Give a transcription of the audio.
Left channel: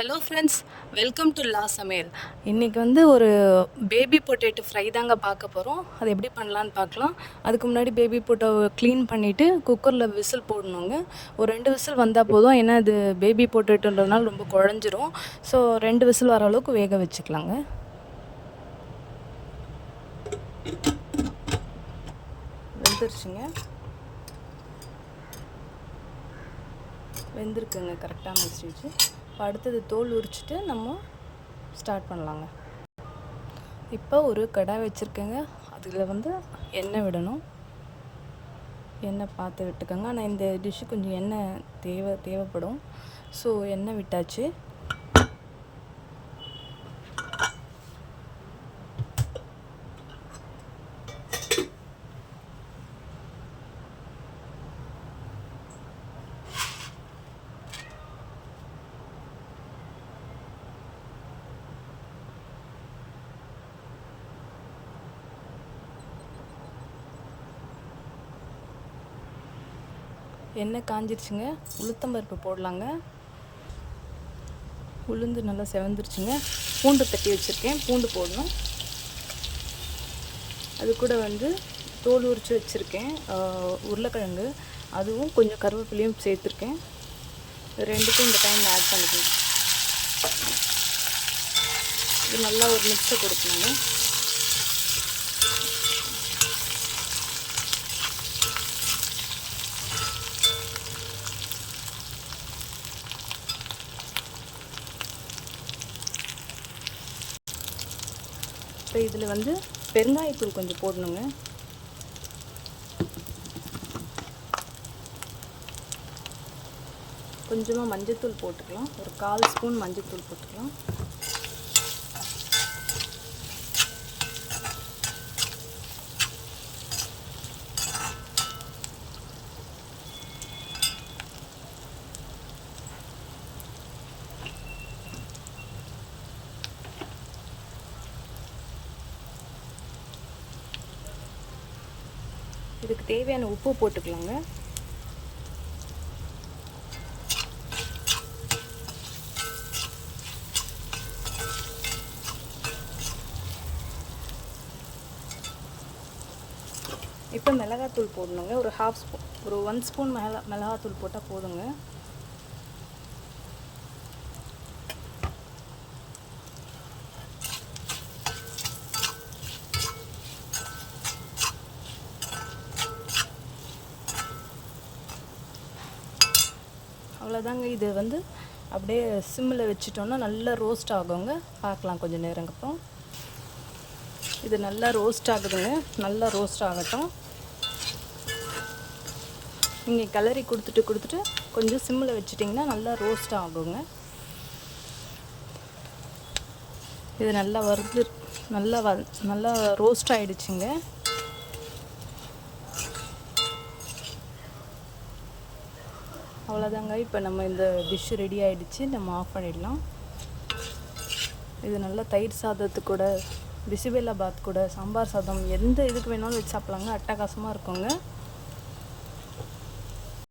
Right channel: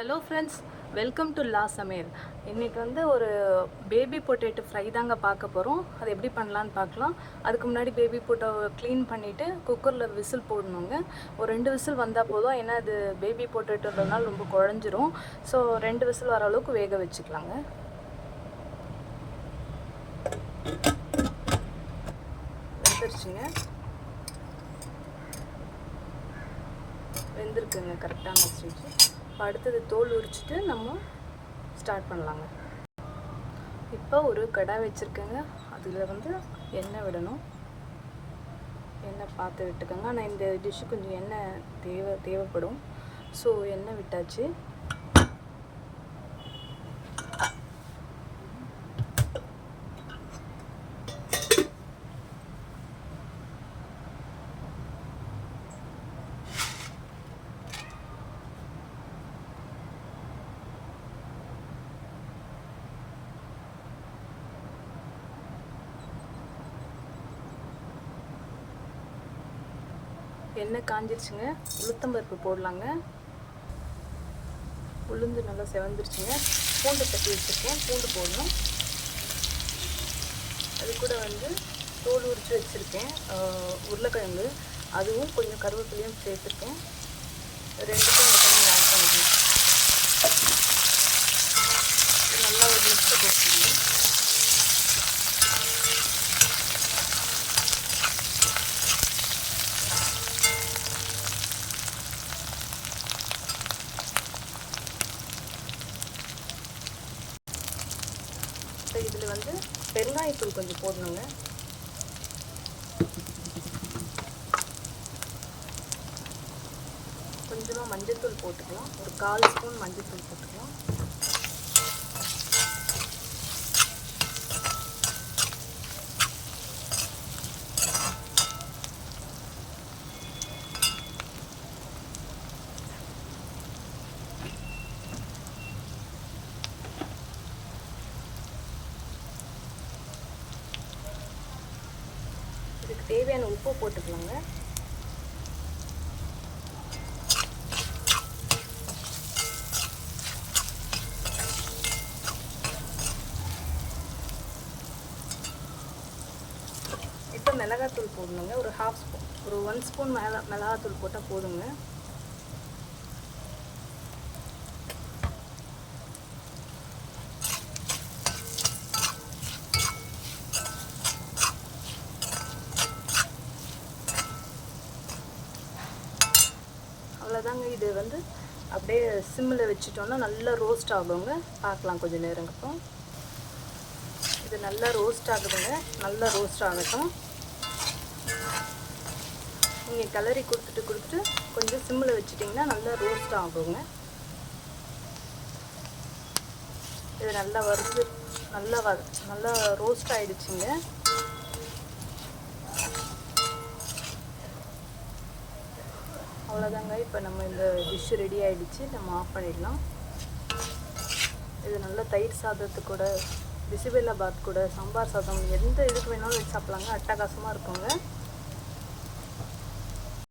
Hello friends, welcome to லா சமையல். இன்றைக்கி ஒரு பேபி பொட்டேட்டோ ஃப்ரை தாங்க பார்க்க போகிறோம். அது எப்படி பண்ணலான்னு பார்க்கலாம். அதுக்கு முன்னாடி பேபி பொட்டேட்டோ க்ளீன் பண்ணிவிட்டு குக்கரில் விசில் போடணுங்க. ஒரு 2 விசில் வந்தால் போதும். ஏன்னா அது பேபி பொட்டேட்டோன்றதுனால ரொம்ப குழஞ்சிரும். ஸோ 2 விசில் வர அளவுக்கு வேக வச்சுக்கலாங்க. வெந்திருக்குங்க கரெக்டான ஸ்டேஜ். அடுத்தது தோல் உரிச்சிட்டு நம்ம ஸ்டார்ட் பண்ணலாங்க. இப்போ ஒரு கடாய் வச்சுருக்கேங்க. அதில் எண்ணெய் விடணும். எண்ணெய் பார்த்து விட்டுக்கோங்க. ஆனால் இந்த டிஷ்ஷு கொஞ்சம் எண்ணெய் தேவைப்படும். ஸோ எண்ணெய் விட்டாச்சு. எண்ணெய் காஞ்சிருச்சுங்க. உளுத்தம்பருப்பு போடலாங்க. உளுந்து நல்லா செவந்துருச்சுங்க. பூண்டு தட்டி வச்சுருக்கேன், பூண்டு போடணும். அது கூட தோல் உரித்து வச்சுருக்கேன் உருளைக்கிழங்கு, அதுவும் கொஞ்சம் கருவேப்பிலையும் சேர்த்துருக்கேன். ரெண்டுக்கும் இந்த டைம் ஆட் பண்ணிக்கணும். இது நல்லா ஒரு மிக்ஸை கொடுக்கணும். இப்போ இதில் பெருங்காயத்தூள் கொஞ்சம் போடணுங்க. கொஞ்சமாக மஞ்சத்தூள் போட்டுக்கலாம். ஒரு 1/4 ஸ்பூன் மஞ்சத்தூள் போட்டுக்கலாம். இதுக்கு தேவையான உப்பு போட்டுக்கலாங்க. இப்போ மிளகாத்தூள் போடணுங்க. ஒரு 1/2 ஸ்பூன், ஒரு 1 ஸ்பூன் மிளகாத்தூள் போட்டால் போதுங்க. அவ்வளோதாங்க. இது அப்படியே சிம்மில் வச்சுட்டோன்னா நல்லா ரோஸ்ட் ஆகுங்க. பார்க்கலாம் கொஞ்சம் நேரங்கப்போ. இது நல்லா ரோஸ்ட் ஆகுதுங்க. நல்லா ரோஸ்ட் ஆகட்டும். நீங்கள் கிளறி கொடுத்துட்டு கொஞ்சம் சிம்மில் வச்சுட்டிங்கன்னா நல்லா ரோஸ்ட் ஆகுங்க. இது நல்லா நல்லா ரோஸ்ட் ஆகிடுச்சிங்க. அவ்வளோதாங்க. இப்போ நம்ம இந்த டிஷ் ரெடி ஆகிடுச்சு. நம்ம ஆஃப் பண்ணிடலாம். இது நல்லா தயிர் சாதத்து கூட, பிசிபெல்லா பாத் கூட, சாம்பார் சாதம், எந்த இதுக்கு வேணாலும் வச்சு சாப்பிட்லாங்க. அட்டகாசமாக இருக்குங்க.